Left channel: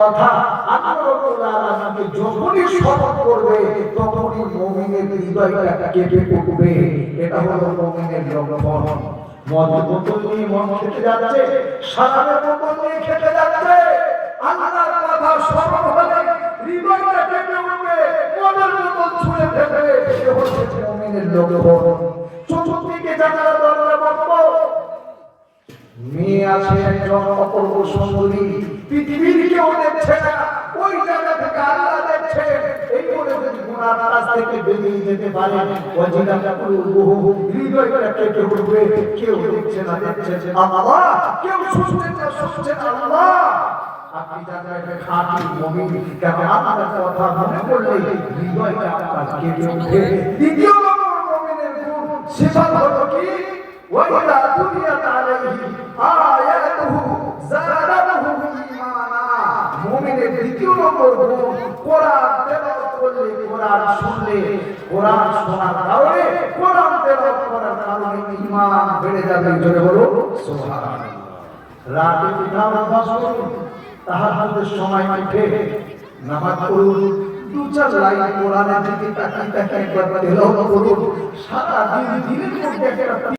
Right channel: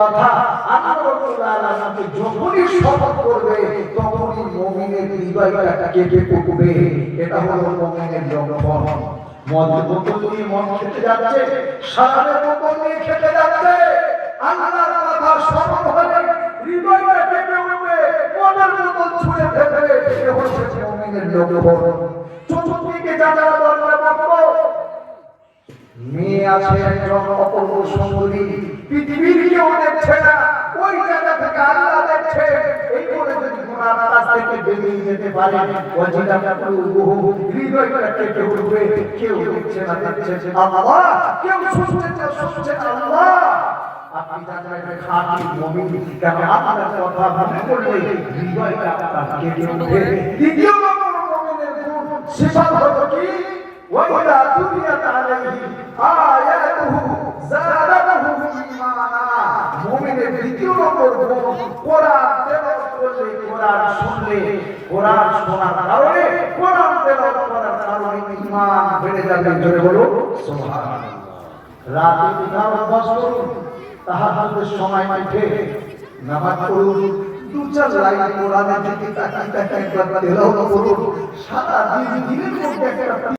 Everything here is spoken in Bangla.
কথা আল্লাহ রাব্বুল আলামিন যখনই শপথ করবে তখনই মুমিনের হৃদয়টা কেঁপে উঠবে। এটা হলো মুমিনের লক্ষণ। মদের বোতল নিয়ে মদ খেতে যাচ্ছে, শরাবের বোতল নিয়ে খেতে যাচ্ছে, আল্লাহর কথা স্মরণ হলে হৃদয়টা কেঁপে উঠবে, মদের বোতল ছুঁড়ে ফেলবে। এটা হচ্ছে মুমিনের লক্ষণ। চতুর্দিকে যারা দরবারে বসবো, মেয়ে আছে একজন অপূর্ব সুন্দরী, পৃথিবীর কেউ দেখছে না, ওই জায়গা থেকে আল্লাহ দেখছে। এই বলে যদি গুনার কাজ থেকে বেরিয়ে যেতে পারে, ওয়াজিলাত কুলুবুহুম, হৃদয়টা কেঁপে উঠবে। কেউ দেখছে না, দেখছে আল্লাহ, কেউ শুনছে আল্লাহ। আপনি জানেন খাঁটি মুমিন কেন আল্লাহর কথা মনে করলে হৃদয়টা আপনার কেঁপে উঠে। দ্বিতীয় নম্বর মুমিনের গুণ সিফাত হলো কি? وَإِذَا تُلِيَتْ عَلَيْهِ آيَاتُهُ زَادَتْهُمْ إِيمَانًا। মুমিনের দ্বিতীয় নম্বর গুণ, কোরআন তেলাওয়াত করলে, কোরআন শুনলে, কোরআন শোনার কারণে, কোরআন তেলাওয়াত করার কারণে ঈমান বেড়ে যাবে। জোরে বলো সুবহানাল্লাহ। রাতে উঠার অভ্যাস করুন, তাহাজ্জুদের সময় উঠে নামাজ পড়ুন, দু চার লাইন কোরআনের দিকে তাকিয়ে একবার তেলাওয়াত করুন। সারা দিনের মধ্যে একটা